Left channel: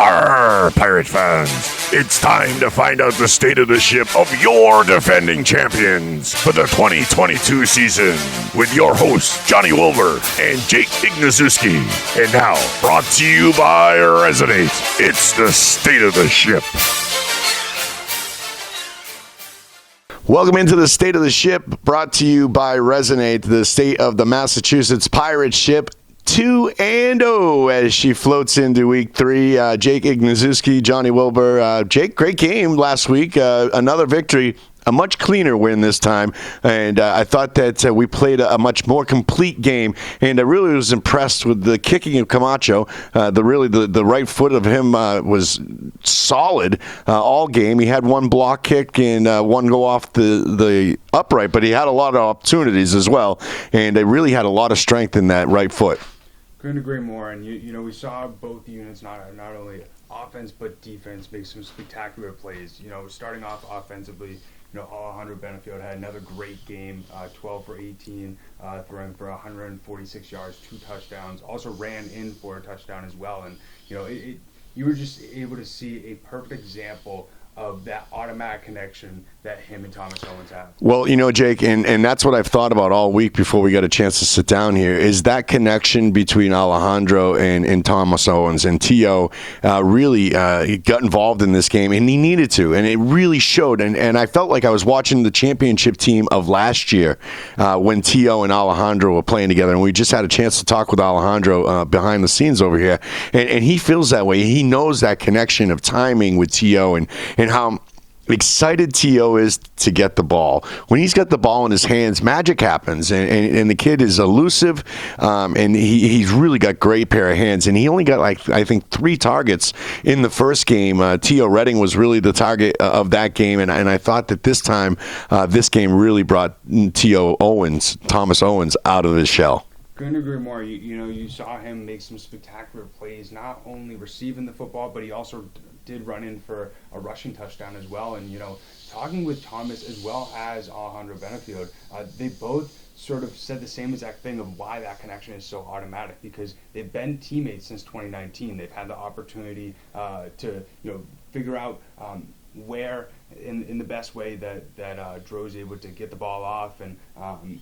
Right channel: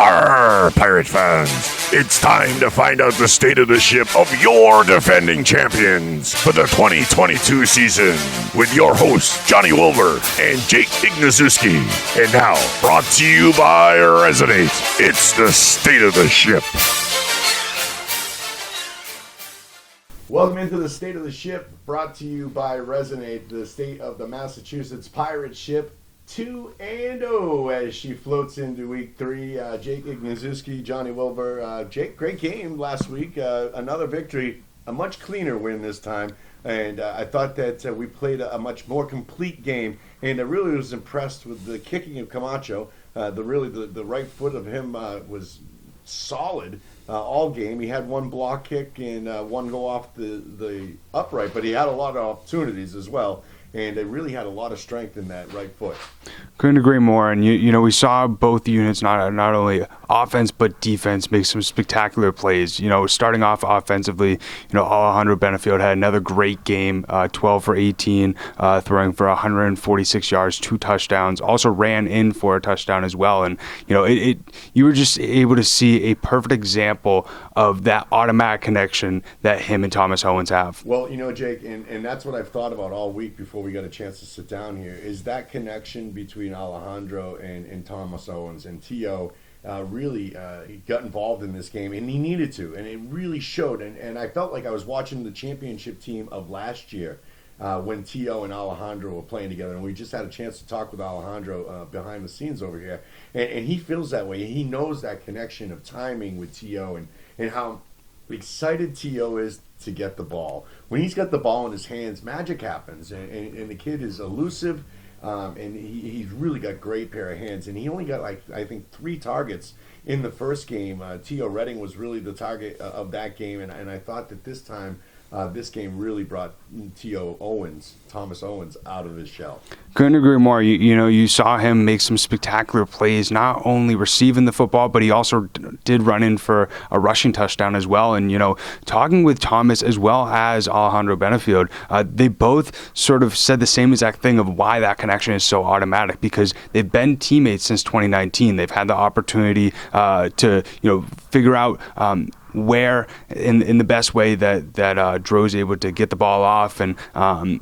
Arr, Pirate fans, it's time to find out the state of the ship of your defending champions for the 2022 season with your hosts, Johnny Wilbur and Jake Ignaszewski. And now, brought to you by Resonate, it's the state of the ship. Welcome into the State of the Ship, brought to you by Resonate, the state of the Massachusetts pirate ship 2-0 as she floats into week 3. Jake Ignaszewski, Johnny Wilbur. Jake, great game last week. Another victory. A much cleaner win this time, and I thought that we played a much more complete game, and I really was impressed with the kicking of Camacho. The right foot of him was solid all game. He had one block kick and one go off the upright, but he had a lot of opportunities as well, and they really had a lot of strength in that right foot. Couldn't agree more. And you know, we saw both units, not only offense but defense, make some spectacular plays. You know, starting off offensively, you know, Alejandro Bennifield had another great game, 12 for 18, throwing for 146 yards, 2 touchdowns. Also ran in for a touchdown as well. And you know, you were just able to see a perfect example of that automatic connection that him and Thomas Owens have. Well, you know, Jake, and that's what I've thought about all week before we got a chance to sit down here, is that connection between Alejandro and Thomas Owens. And T.O. really got involved in this game, and he needed to, and it really showed. And I felt like I was watching the championship team of last year when T.O. and Alejandro were playing together, and we just had a chance to talk with Alejandro behind the scenes over here, and he feels that way. He knows that connection of timing with T.O. and how excited T.O. is to get the ball. When he's got the ball in his hands, magic happens, and the kid is elusive, and he's really got great pair of hands, and he only got, like, I think 3 targets in the first game. T.O. Redding was really the target of that game, and I thought that this time, this game really brought T.O. Owens, Thomas Owens, out of his shell. Couldn't agree more. You know, you saw him make some spectacular plays, not only receiving the football, but he also did run in for a rushing touchdown as well. And, you know, talking with Thomas as well as Alejandro Bennifield, they both sort of said the same exact thing of why that connection is so automatic, because they've been teammates since 2019. They've had the opportunity to, you know, figure out where in the best way that Dro's able to get the ball off, and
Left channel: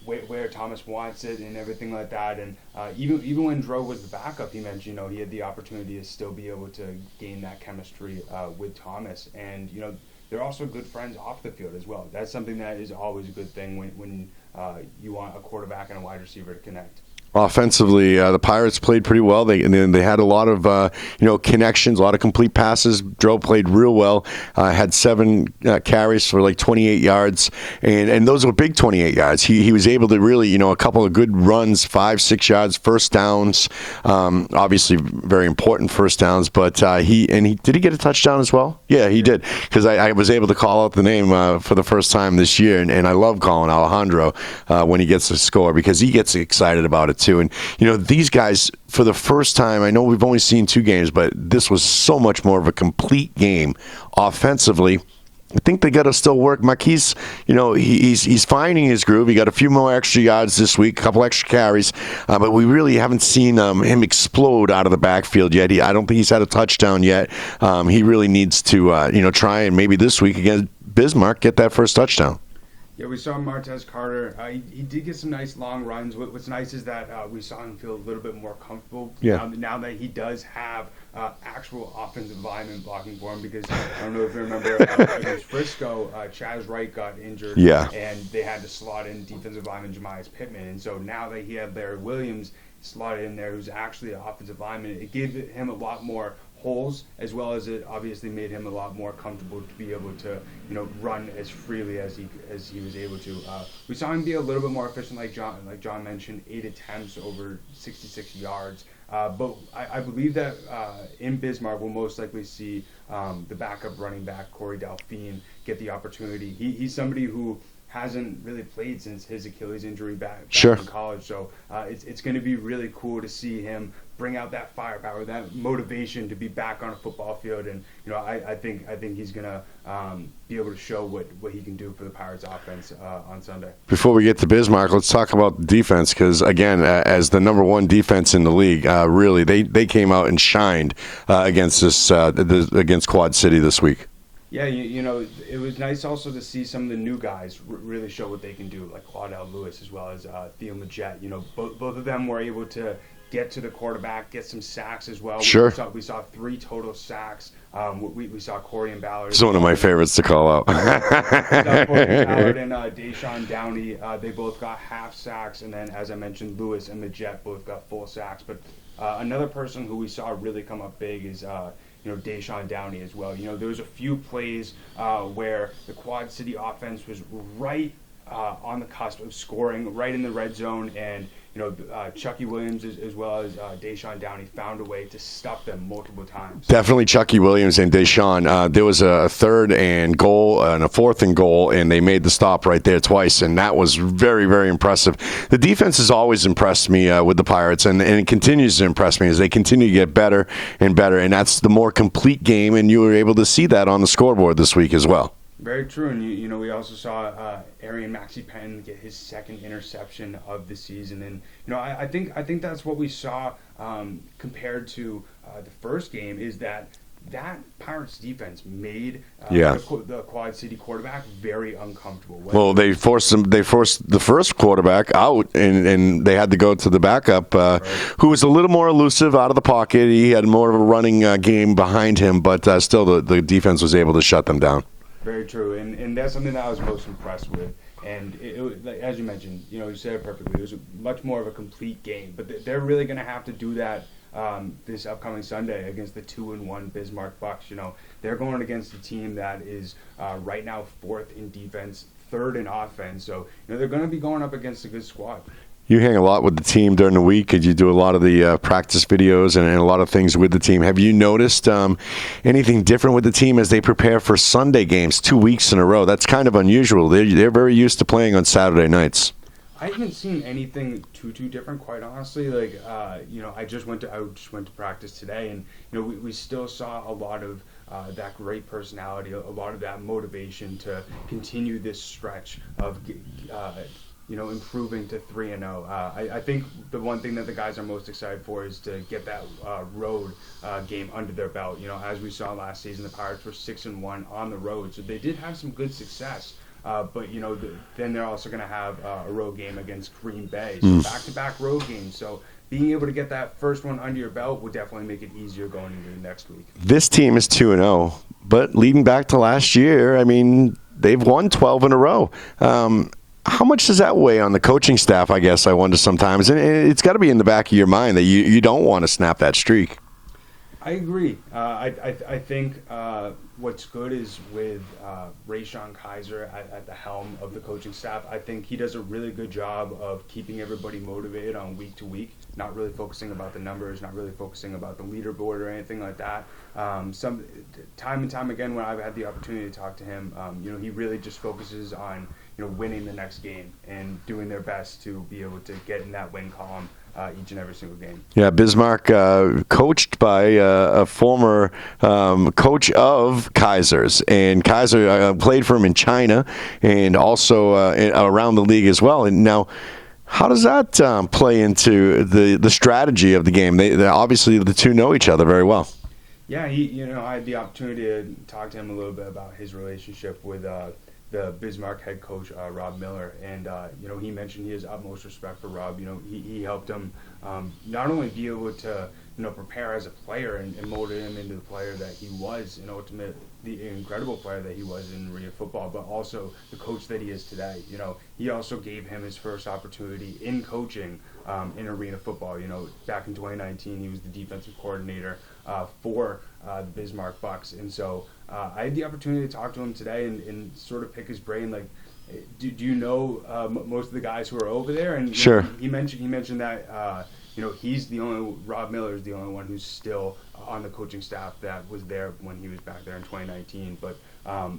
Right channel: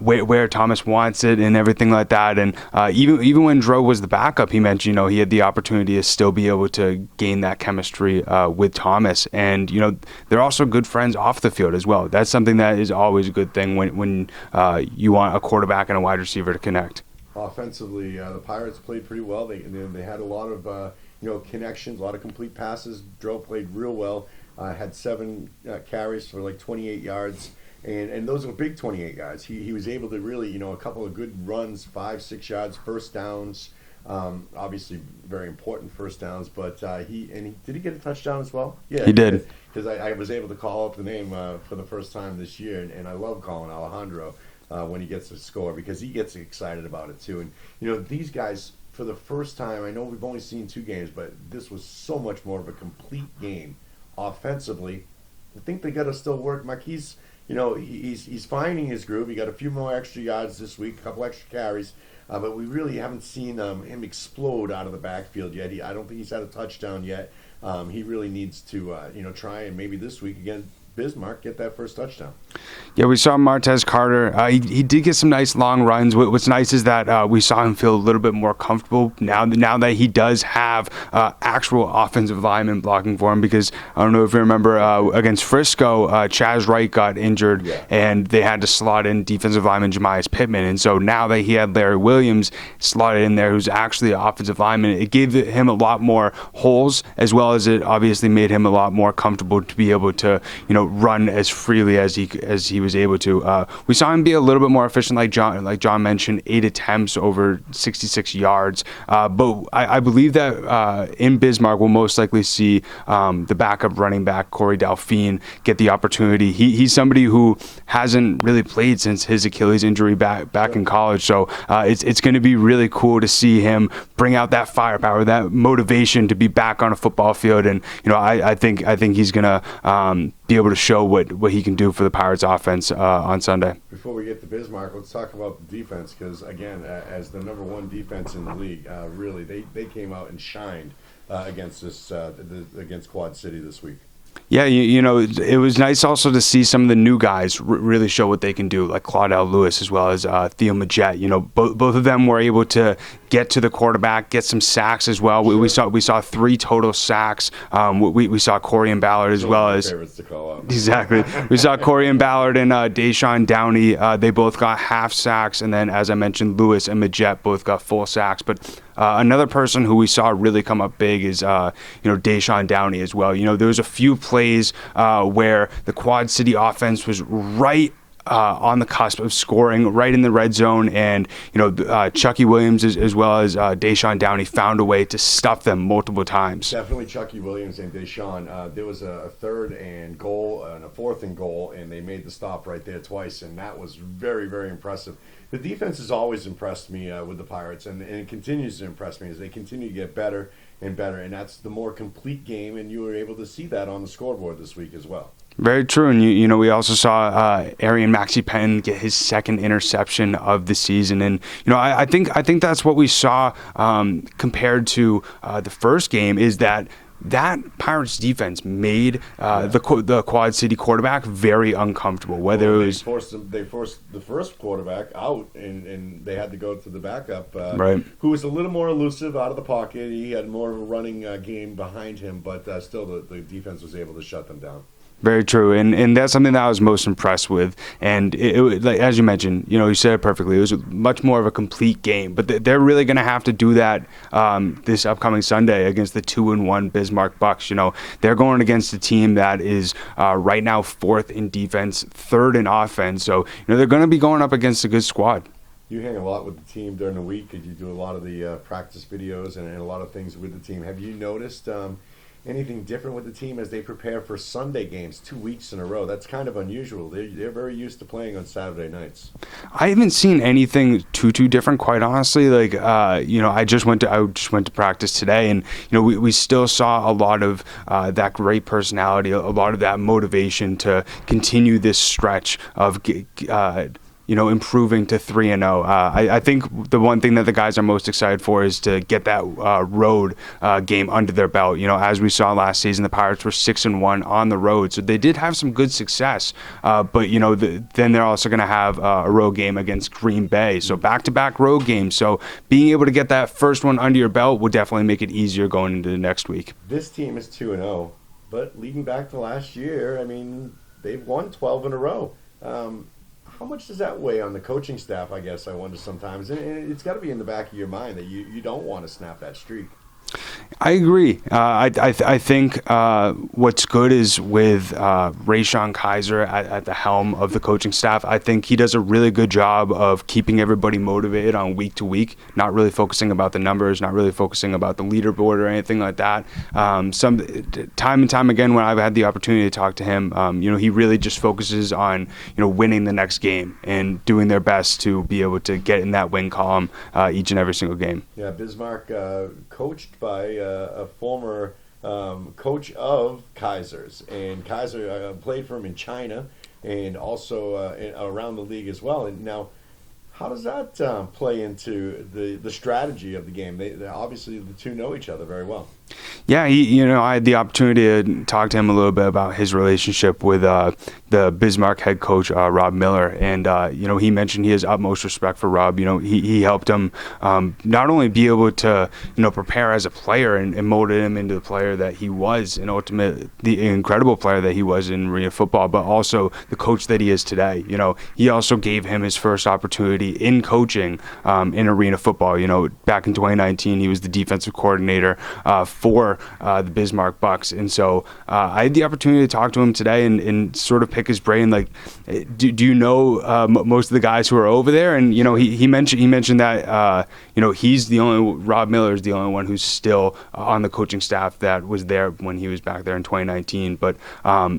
where Thomas wants it and everything like that. And even when Dro was the backup, he mentioned, you know, he had the opportunity to still be able to gain that chemistry with Thomas. And, you know, they're also good friends off the field as well. That's something that is always a good thing when you want a quarterback and a wide receiver to connect. Offensively, the Pirates played pretty well. They had a lot of connections, a lot of complete passes. Dro played real well. Had 7 carries for like 28 yards, and those were big 28 yards. He was able to really, you know, a couple of good runs, 5-6 yards, first downs. Obviously, very important first downs. But did he get a touchdown as well? Yeah, he did. Because I was able to call out the name for the first time this year, and I love calling Alejandro when he gets a score, because he gets excited about it too. And, you know, these guys, for the first time, I know we've only seen 2 games, but this was so much more of a complete game offensively. I think they got to still work. Marquise, you know, he's finding his groove. He got a few more extra yards this week, a couple extra carries, but we really haven't seen him explode out of the backfield yet. I don't think he's had a touchdown yet. He really needs to, try and maybe this week against Bismarck get that first touchdown. Yeah, we saw Martez Carter. He did get some nice long runs. What's nice is that we saw him feel a little bit more comfortable now that he does have actual offensive linemen blocking for him. Because I don't know if you remember against Frisco, Chaz Wright got injured, and they had to slot in defensive lineman Jemias Pittman. And so now that he had Larry Williams slotted in there, who's actually an offensive lineman, it gave him a lot more holes, as well as it obviously made him a lot more comfortable to be able to, you know, run as freely as he was able to. We saw him be a little bit more efficient, like John mentioned, 8 attempts over 66 yards. But I believe that in Bismarck we'll most likely see the backup running back Corey Delphine get the opportunity. He's somebody who hasn't really played since his Achilles injury back in college. So it's going to be really cool to see him bring out that firepower, that motivation to be back on a football field. And you know, I think he's going to be able to show what he can do for the Pirates offense on Sunday. Before we get to Bismarck, let's talk about defense because, again, as the number one defense in the league, really, they came out and shined against against Quad City this week. Yeah, you know, it was nice also to see some of the new guys really show what they can do, like Claudel Lewis as well as Theo Majet. You know, both of them were able to get to the quarterback, get some sacks as well. Sure. We saw 3 total sacks. We saw Corey and Ballard as well. One of my favorites to call out. Exactly. We saw Corey and Ballard and Deshaun Downey. They both got half sacks, and then, as I mentioned, Lewis and Majet both got full sacks. But another person who we saw really come up big is Deshaun Downey as well. You know, there was a few plays where the Quad City offense was right on the cusp of scoring, right in the red zone, and Chucky Williams as well as Deshaun Downey found a way to stuff them multiple times. Definitely Chucky Williams and Deshaun. There was a 3rd and goal and a 4th and goal, and they made the stop right there twice, and that was very, very impressive. The defense has always impressed me with the Pirates, and it continues to impress me as they continue to get better and better, and that's the more complete game, and you were able to see that on the scoreboard this week as well. Very true, and you know we also saw Arian Maxi Penn get his 2nd interception of the season, and I think that's what we saw compared to the first game is that Pirates defense made the Quad City quarterback very uncomfortable. They forced the first quarterback out, and they had to go to the backup, who was a little more elusive out of the pocket. He had more of a running game behind him, but still the defense was able to shut them down. Very true, and that's something that I was most impressed with. And it, like, as you mentioned, you said it perfectly. It was much more of a complete game. But they're really going to have to do that this upcoming Sunday against the 2-1 Bismarck Bucks. They're going against a team that is right now 4th in defense, 3rd in offense. So they're going to be going up against a good squad. You hang a lot with the team during the week, and you do a lot of the practice videos and a lot of things with the team. Have you noticed anything different with the team as they prepare for Sunday games 2 weeks in a row? That's kind of unusual. They're very used to playing on Saturday nights. I haven't seen anything too different, quite honestly. Like, I just went to practice today, and we still saw a lot of that great personality, a lot of that motivation to continue this stretch of improving to 3-0. I think the one thing that the guys are most excited for is to get that road game under their belt. As we saw last season, the Pirates were 6-1 on the road, so they did have some good success. But then they're also going to have a road game against Green Bay, so back-to-back road games. So being able to get that first one under your belt will definitely make it easier going into the next week. This team is 2-0, but leading back to last year, I mean, they've won 12 in a row. How much does that weigh on the coaching staff, I guess, I wonder sometimes? And it's got to be in the back of your mind that you don't want to snap that streak. I agree. I think what's good is with Rayshawn Kaiser at the helm of the coaching staff. I think he does a really good job of keeping everybody motivated on week to week, not really focusing about the numbers, not really focusing about the leaderboard or anything like that. Some time and time again when I've had the opportunity to talk to him, he really just focuses on winning the next game and doing their best to be able to get in that win column each and every single game. Yeah, Bismarck, coached by a former coach of Kaiser's, and Kaiser played for him in China and also around the league as well. And now, how does that play into the strategy of the game? They obviously the two know each other very well. Yeah, I had the opportunity to talk to him a little bit about his relationship with the Bismarck head coach, Rob Miller. And, he mentioned he has utmost respect for Rob. He helped him not only be able to, prepare as a player and molded him into the player that he was, the incredible player that he was in arena football, but also the coach that he is today. He also gave him his first opportunity in coaching in arena football. Back in 2019, he was the defensive coordinator for the Bismarck Bucks. And so I had the opportunity to talk to him today and sort of pick his brain, like, do you know most of the guys who are over there? And Sure. he mentioned that Rob Miller is the only one who's still on the coaching staff that was there when he was back there in 2019. But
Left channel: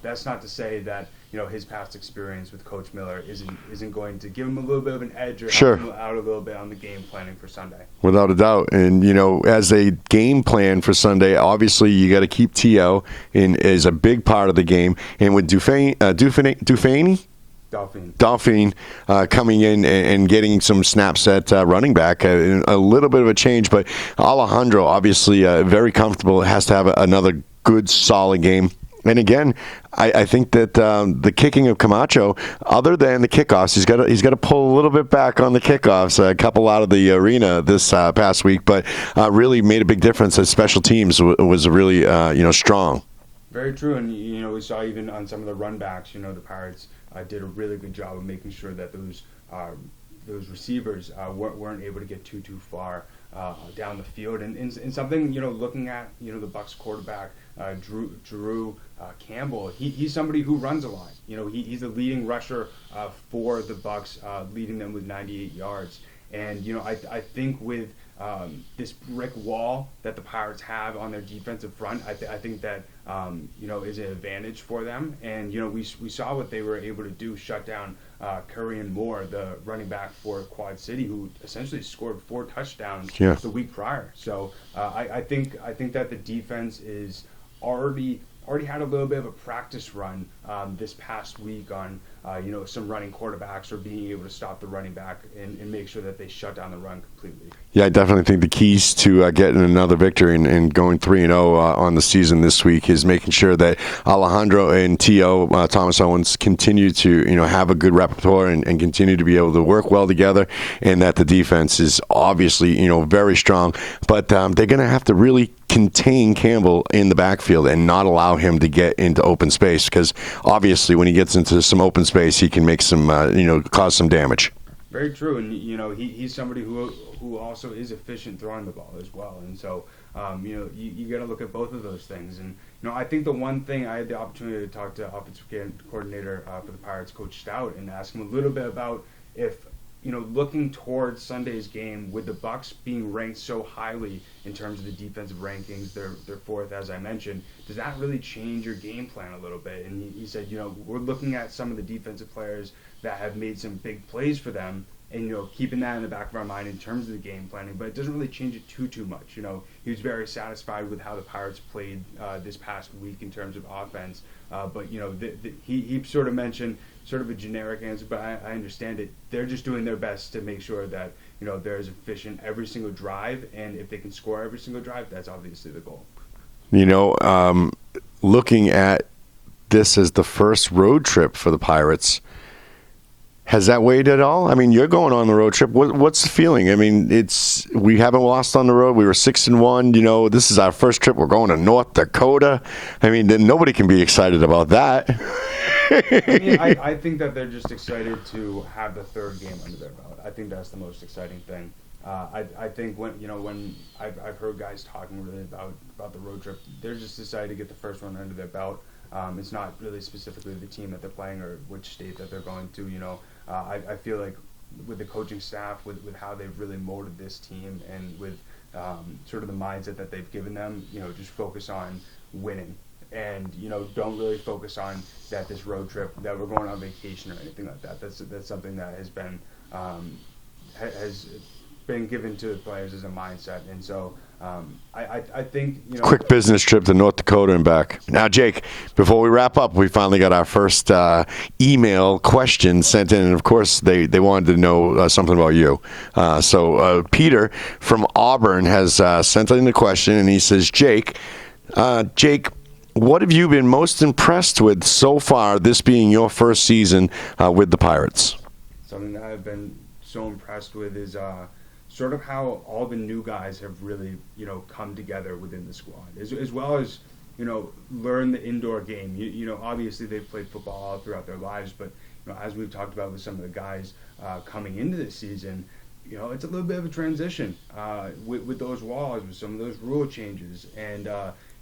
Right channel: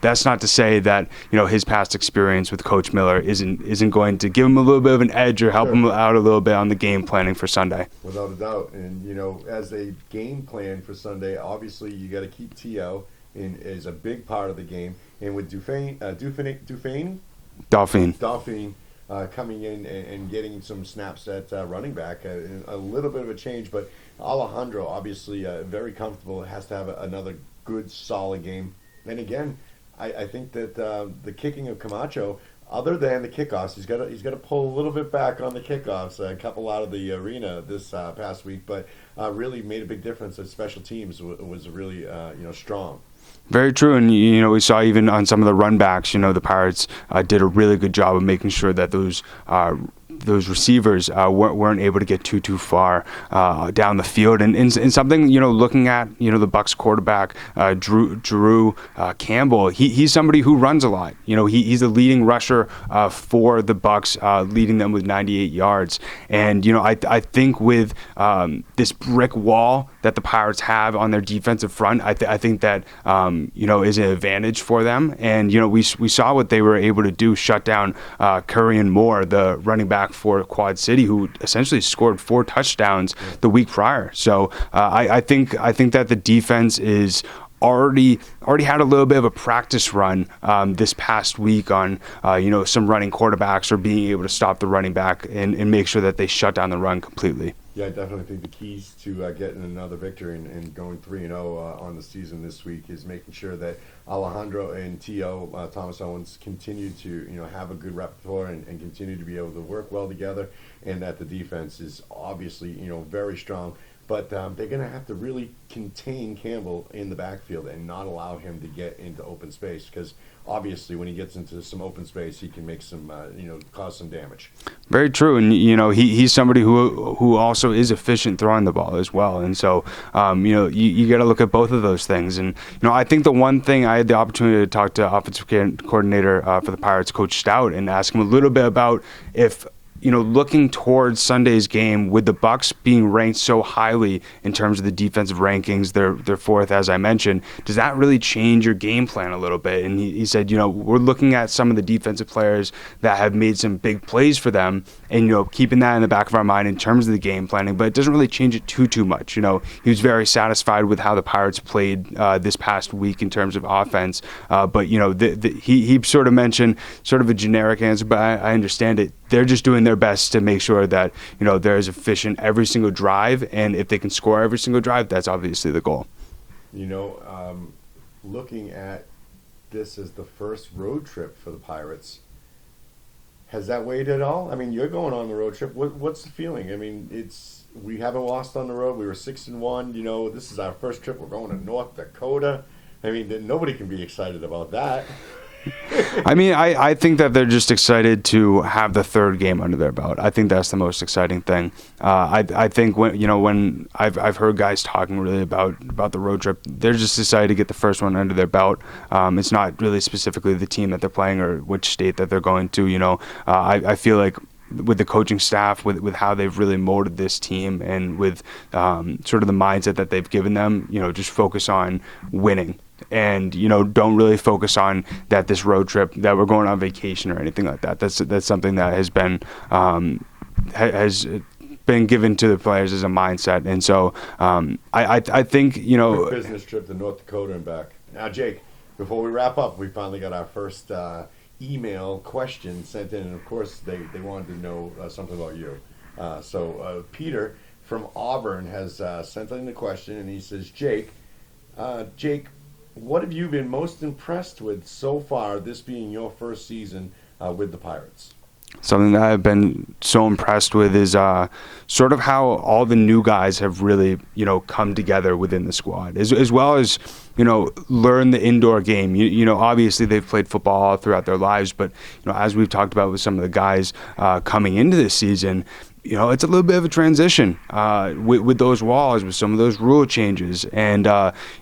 that's not to say that his past experience with Coach Miller isn't going to give him a little bit of an edge or help him out a little bit on the game planning for Sunday. Without a doubt. And, as a game plan for Sunday, obviously you got to keep T.O. in as a big part of the game. And with Dauphine coming in and getting some snaps at running back, a little bit of a change. But Alejandro, obviously very comfortable, has to have another good, solid game. And again, I think that the kicking of Camacho, other than the kickoffs, he's got to pull a little bit back on the kickoffs, a couple out of the arena this past week, but really made a big difference as special teams was really strong. Very true, and we saw even on some of the run backs, the Pirates did a really good job of making sure that those receivers weren't able to get too far down the field. And something, looking at, the Bucks quarterback, Drew Campbell, he's somebody who runs a lot. He's the leading rusher for the Bucks, leading them with 98 yards. And, I think with this brick wall that the Pirates have on their defensive front, I think that, is an advantage for them. And, we saw what they were able to do, shut down Curry and Moore, the running back for Quad City, who essentially scored 4 touchdowns the week prior. So I think that the defense is already had a little bit of a practice run this past week on some running quarterbacks or being able to stop the running back and make sure that they shut down the run completely. Yeah, I definitely think the keys to getting another victory and going 3-0 on the season this week is making sure that Alejandro and T.O., Thomas Owens, continue to have a good repertoire and continue to be able to work well together, and that the defense is obviously very strong. But they're going to have to really contain Campbell in the backfield and not allow him to get into open space, because obviously when he gets into some open space, he can make some cause some damage. Very true, and he's somebody who also is efficient throwing the ball as well, and so you got to look at both of those things. And I think the one thing I had the opportunity to talk to offensive coordinator for the Pirates, Coach Stout, and ask him a little bit about if looking towards Sunday's game, with the Bucks being ranked so highly in terms of the defensive rankings, they're fourth, as I mentioned, does that really change your game plan a little bit? And he said, we're looking at some of the defensive players that have made some big plays for them, and keeping that in the back of our mind in terms of the game planning, but it doesn't really change it too much. He was very satisfied with how the Pirates played this past week in terms of offense, but he sort of mentioned sort of a generic answer, but I understand it. They're just doing their best to make sure that they're as efficient every single drive, and if they can score every single drive, that's obviously the goal. Looking at this as the first road trip for the Pirates, has that weighed at all? I mean, you're going on the road trip. What's the feeling? I mean, we haven't lost on the road. We were 6-1. This is our first trip. We're going to North Dakota. I mean, nobody can be excited about that. I mean, I think that they're just excited to have the third game under their belt. I think that's the most exciting thing. I think when I've heard guys talking really about the road trip, they're just excited to get the first one under their belt. It's not really specifically the team that they're playing or which state that they're going to. I feel like with the coaching staff, with how they've really molded this team, and with sort of the mindset that they've given them, just focus on winning. And don't really focus on that this road trip, that we're going on vacation or anything like that. That's something that has been given to the players as a mindset. And so I think quick business trip to North Dakota and back. Now, Jake, before we wrap up, we finally got our first email question sent in, and of course they wanted to know something about you. So Peter from Auburn has sent in the question, and he says, Jake, what have you been most impressed with so far, this being your first season with the Pirates? Something that I've been so impressed with is sort of how all the new guys have really, come together within the squad, as well as, learn the indoor game. Obviously they've played football all throughout their lives, but, as we've talked about with some of the guys coming into this season, it's a little bit of a transition with those walls, with some of those rule changes. And,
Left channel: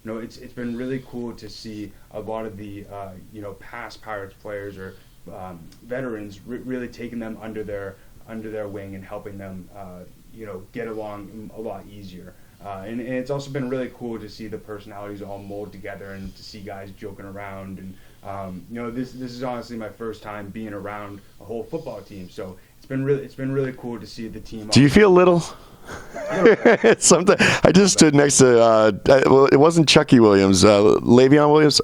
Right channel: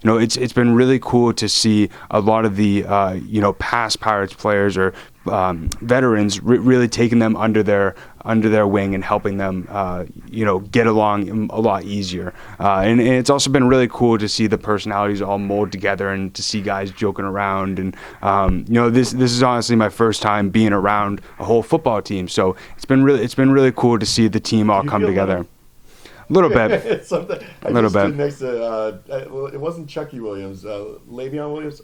it's been really cool to see a lot of the, past Pirates players or veterans really taking them under their under their wing and helping them, get along a lot easier. And it's also been really cool to see the personalities all mold together and to see guys joking around. And this is honestly my first time being around a whole football team, so it's been really cool to see the team all come together. Do you feel little? A little bit. Something. I just stood next to. It wasn't Chucky Williams. Le'Veon Williams.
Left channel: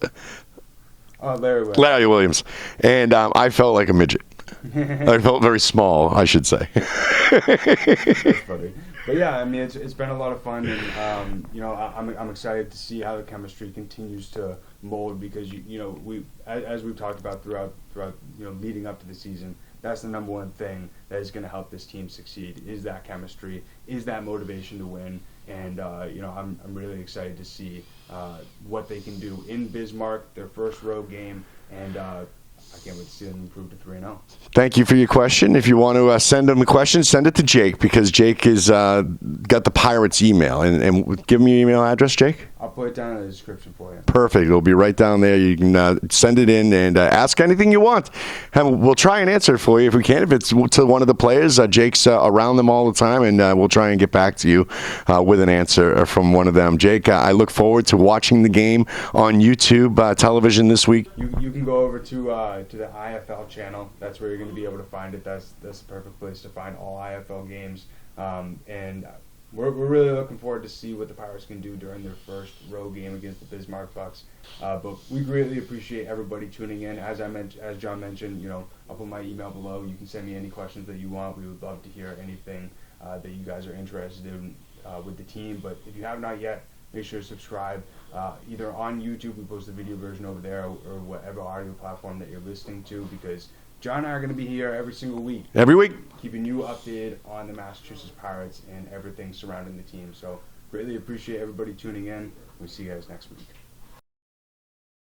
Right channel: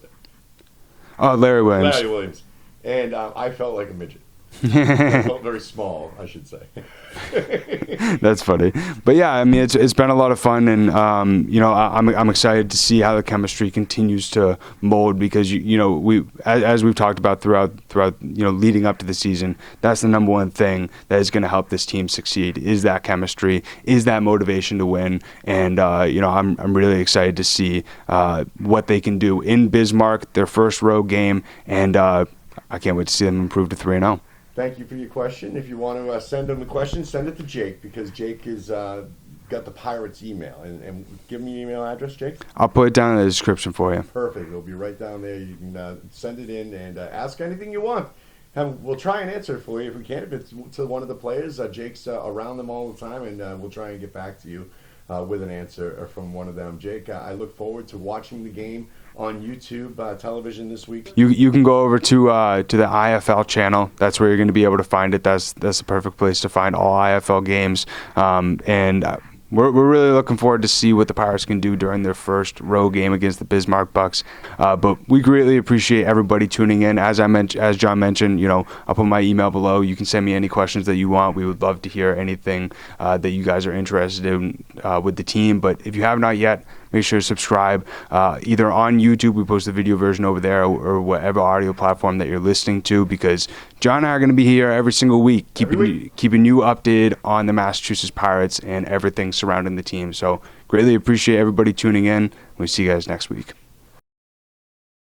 Larry Williams. Larry Williams, and I felt like a midget. I felt very small, I should say. That's funny, but yeah, I mean, it's been a lot of fun, and I'm excited to see how the chemistry continues to mold because we as we've talked about throughout leading up to the season, that's the number one thing that is going to help this team succeed is that chemistry, is that motivation to win, and I'm really excited to see what they can do in Bismarck, their first road game, and I can't wait to see them improve to 3-0. Thank you for your question. If you want to send him a question, send it to Jake because Jake has got the Pirates' email. And give me your email address, Jake. I'll put it down in the description for you. Perfect. It'll be right down there. You can send it in and ask anything you want. And we'll try and answer it for you if we can. If it's to one of the players, Jake's around them all the time, and we'll try and get back to you with an answer from one of them. Jake, I look forward to watching the game on YouTube television this week. You can go over to the IFL channel. That's where you're going to be able to find it. That's the perfect place to find all IFL games. We're really looking forward to see what the Pirates can do during their first road game against the Bismarck Bucks. But we greatly appreciate everybody tuning in. As John mentioned, I'll put my email below. You can send me any questions that you want. We would love to hear anything that you guys are interested in with the team. But if you have not yet, make sure to subscribe either on YouTube. We post the video version over there or whatever audio platform that you're listening to because John and I are going to be here every single week. Keeping you updated on the Massachusetts Pirates and everything surrounding the team. So greatly appreciate everybody tuning in. We'll see you guys next week.